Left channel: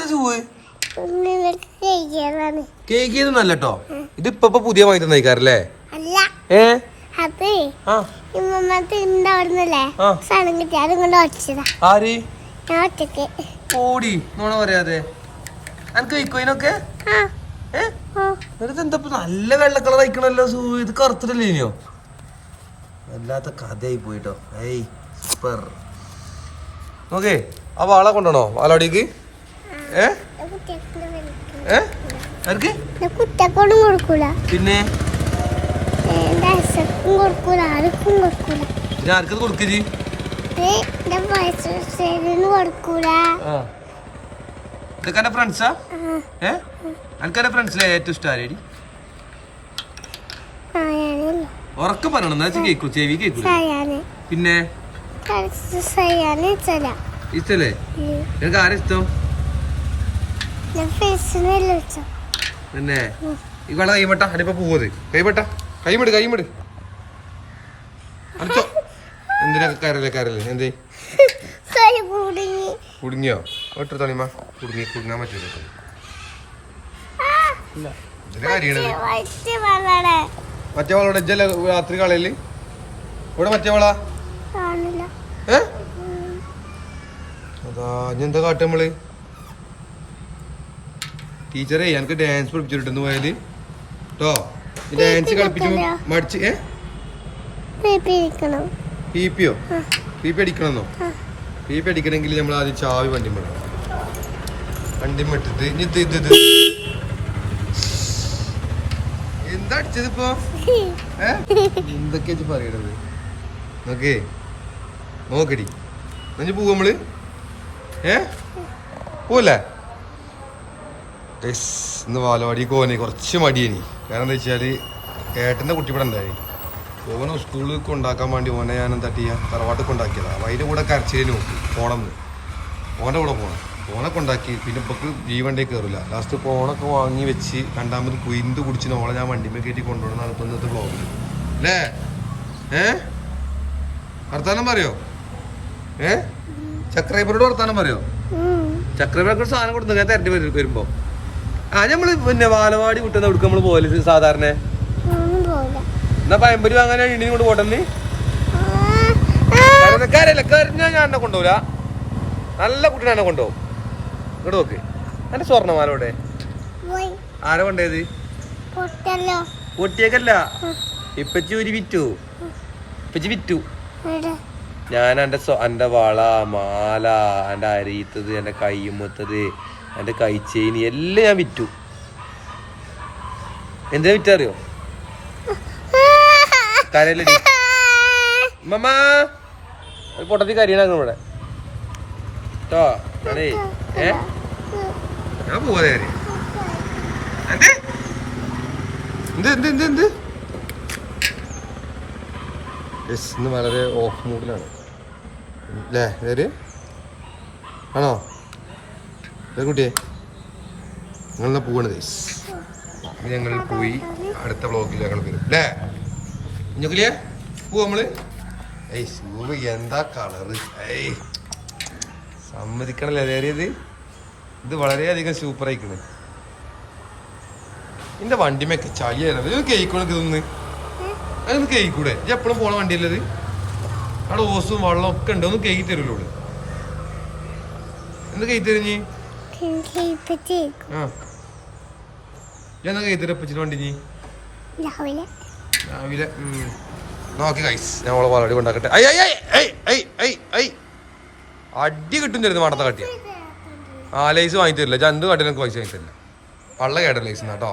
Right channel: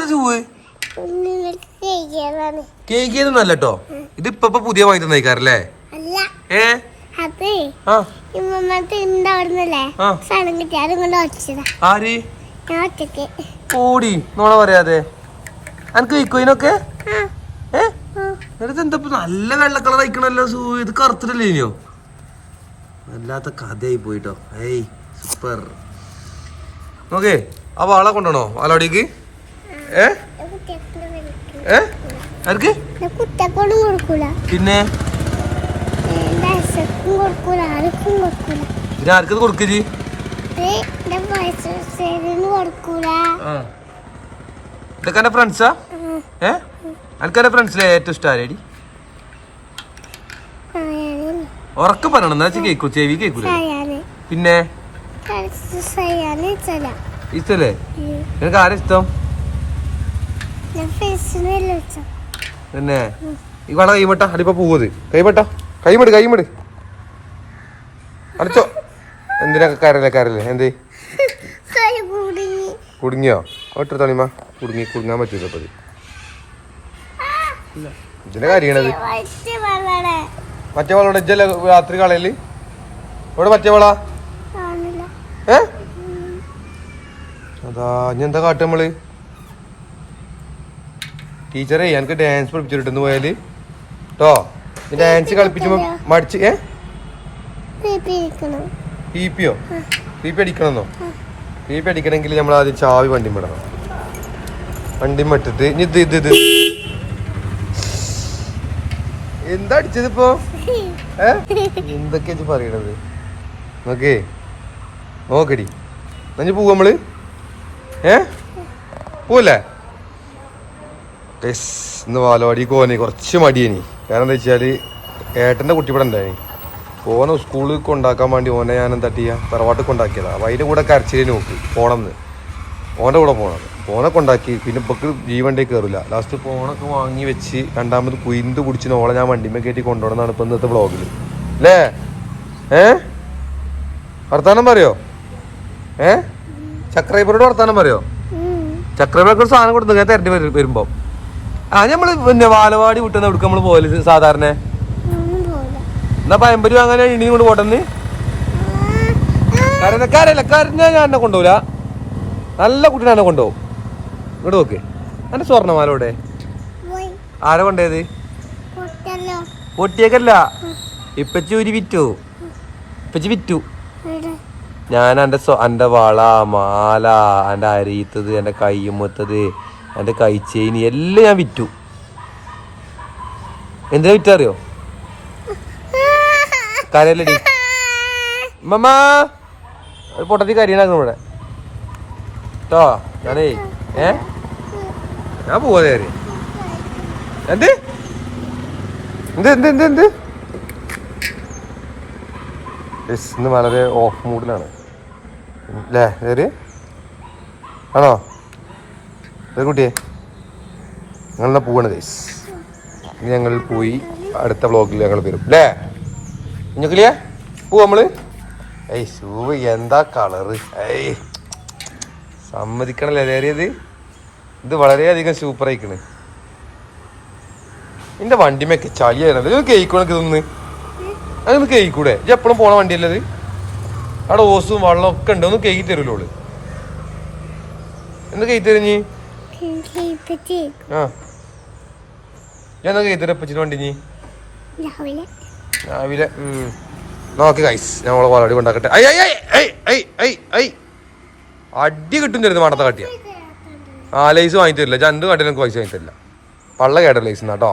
ഇതേത് പോയി? കേക്ക് ചെയ്തൊന്നല്ല കേട്ടോ ഇത് ഇപ്പൊ പുതിയ വാങ്ങി തന്നേക്കാരല്ലേ? അല്ല. ഏ? അത് ആര്? ഓടി. നോണ പറയാതെ. അനക്ക് ആ. എന്നിട്ട് എന്താ നല്ല വെള്ള കളർ അയക്കണല്ലോ സൂ. ഇത് കറുത്തിട്ടല്ലേ ഇനിയോ? വല്ലാത്ത കഥയായി പോയിട്ടോ. ഏയ് സൂപ്പർ. ഓക്കെ ആ വാള കൊണ്ടുപോണോ വാലോടിക്ക് ആർക്ക്? പിന്നെ? ആർക്കത് കൊടുക്കജി ഇതൊക്കെ എന്റെ ഫ്രണ്ട്സാ ഏ? അനക്കെന്റെ ഫ്രണ്ട്സിലെ ഏറ്റവും ഇഷ്ടം ആരേടി? ഉറക്കെ പറയണം. എന്നാ കേക്കൂ. ചെവി കേക്കൂ പിന്നെ? ഇഷ്ടല്ലേ നിനക്ക് ആരാ ഇഷ്ടം? പിന്നെ ഈ വള കൈമട്ട അടിപ്പ പോവത്. കൈമട്ട. കൈമട് കൈമട്. അടിച്ചോ. എന്തിനാ കരല്ലേ കരല്ലേ എന്ത്? കുടുങ്ങി. കുടുങ്ങിയോ? ഒട്ടു തണിമ കുടുങ്ങി കുടുങ്ങാൻ പറ്റൂല അപ്പൊ ഇതിന്റെ കാര്യണത് മറ്റേ വള ഇജ്ജല്ലേ രാത്രി കളയിൽ? ഇവിടെ മറ്റേ വള? ഏ? അതാ ഇനി എന്താ കാട്ടുക നമ്മൾ ടീച്ചറെ എനിക്ക് ഡാൻസ് പഠിപ്പിച്ചിട്ടെന്ന് പോയാൽ. കേട്ടോ ഡാൻസ് കളിപ്പിക്കുമ്പോ മടിച്ച് ഏ? പി പിയോ പി പി അടിക്കണമെന്നോ? പി പി അടിക്കണമെങ്കിൽ നമ്മൾ ആദ്യം ചാവി വണ്ടി വിടണം. വണ്ടി മട്ടിട്ട് ഇനി ഇത് ഇത് ഇത്. എന്താ അടിച്ചത് ഇപ്പോ? ഏ? എന്തൊക്കെയാ പറയണത്? നോക്കേ. നോക്കടി എന്നാ പോവാ നമ്മൾ. ഏ? പോവല്ലേ? യെസ് ഇന്ന് ബാലവാടി പോകാനേ കുറച്ച് മടിയേനി. കാരണം എന്താ വെച്ചാൽ ഏട്ടന്റെ കുട്ടി ഇവിടെ ഉണ്ടായി ഓനെ സ്കൂളിൽ കൊണ്ടാക്കാൻ വേണ്ടി ഓനെ ഞാൻ എന്താ ചെയ്യാ? തറവാട്ടിൽ കൊണ്ടാക്കിയതാ അപ്പൊ അതിന്റെ കൂടെ കരച്ചിലിന് നോക്കി പോണമെന്ന് ഓന്റെ കൂടെ പോണം. ഓനെ കൊണ്ടാക്കി. പിന്നെ ഇപ്പൊക്ക് ജീവണ്ടേ കയറില്ല ലാസ്റ്റ് ഫോണൊക്കെ വാങ്ങി വെച്ച് രണ്ടാമത് കുയിന്ത് കുടിച്ചിന് ഓളെ ഞാൻ വണ്ടിമേ കയറ്റി കൊണ്ടുപോകണമെന്നാണ് ഇപ്പൊ ഇന്നത്തെ ബ്ലോഗിൽ അല്ലേ ഏ? വർത്താനം പറയോ? ഏ? ചക്രൈബറോട് വർത്താനം പറയോ? ചക്രൈബറൊക്കെ ഒരു സാധനം കൊടുത്തു ഞാൻ വരുമ്പോ. ആ നമ്മൾ പിന്നെ വാലവാടി വിട്ടുന്ന എടുക്ക നമ്മൾ പോയത് സാധാരണ? എന്നാ പയമ്പരി അങ്ങനെ ഇനി കൊണ്ട് പോട്ടെന്ന്? കരല്ല കരഞ്ഞ ഞാൻ എന്നെ കൊണ്ടുപോല നല്ല കുട്ടീനെ എന്നെ കൊണ്ടുപോകും ഇങ്ങോട്ട് നോക്ക്. എന്റെ സ്വർണമാലോടെ ഇവിടെ ആരാ കൊണ്ടേത് പൊട്ടിയേക്കല്ല. ഇപ്പച്ചി ഒരു വിറ്റു. ഇപ്പച്ചി വിറ്റു. ഞാൻ എന്റെ എന്റെ വള മാല എന്റെ അരിയത്തത് കൈ കയ്യുമ്മത്തത് എന്റെ കൈച്ചെയിൻ എല്ലാം ഞാൻ വിറ്റു. എന്തിനാ വിറ്ററിയോ? കരയല്ലേ? മമ്മ ഒരു പൊട്ടത്തി കരിയണാക്കുന്നു ഇവിടെ. കേട്ടോ അടേ ഏ? ഞാൻ പോവാതെ നേരെ. എന്ത്? എന്ത് എന്ത് എന്ത് എന്ത്? ഇന്ന് വളരെ ഓഫ് മൂഡിലാണ് അല്ലേ ആണോ? കുട്ടിയെ. ഞങ്ങളെന്നാ പോവാണ് ഗൈസ് ഞങ്ങൾ പോയി അടുത്ത വ്ളോഗിൽ ഞങ്ങൾ വരും. അല്ലേ കുഞ്ഞുക്കിളിയ പോവാ നമ്മൾ. ഏയ് ഷൂ എന്താ കളറ് ഏയ്. സമ്മതിക്കണല്ലേ നേരിയത് ഇത്? വളരെയധികം സൂപ്പർ ആയിക്കണ്. എന്റെ വണ്ടിമൊക്കെ ചളിയായിരുന്നു ഇത് കേൾക്കണക്ക് ഇതൊന്ന്? അതൊന്ന് കേൾക്കൂടെ ഇത് എപ്പോഴും പോണ വണ്ടിയല്ലത് അവിടെ ഓസും വെള്ളം ഒക്കെ ഉണ്ട്. ഒന്ന് കേൾക്കി തരുമല്ലോ എന്താ കേക്ക് തരുഞ്ഞി ഞാൻ പച്ചിട്ട് വണ്ടി നീ രാവിലെ. രാവിലെ. നോക്ക് കൈസ് ഞാൻ ഓളെ വളടി കൊണ്ടാക്കട്ടെ. ഐ ഐ ഐ ഐ ഐ ഐ അടി കിട്ടും തരുന്നു മണത്ത കട്ടിയ ആ ലൈസ് വാങ്ങി തരില്ല. ചന്ത് എനിക്ക് പൈസ വാങ്ങി തരില്ല. പള്ള കേട്ട ലൈസ് കേട്ടോ?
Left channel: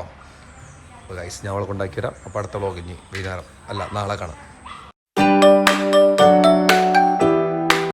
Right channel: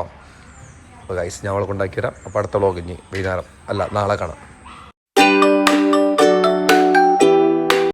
അപ്പോൾ കൈസ് ഞാൻ അവളെ കൊണ്ടാക്കി തരാം. അപ്പോൾ അടുത്ത വ്ളോഗ് ഇനി വൈകുന്നേരം. അല്ല നാളെ കാണാം.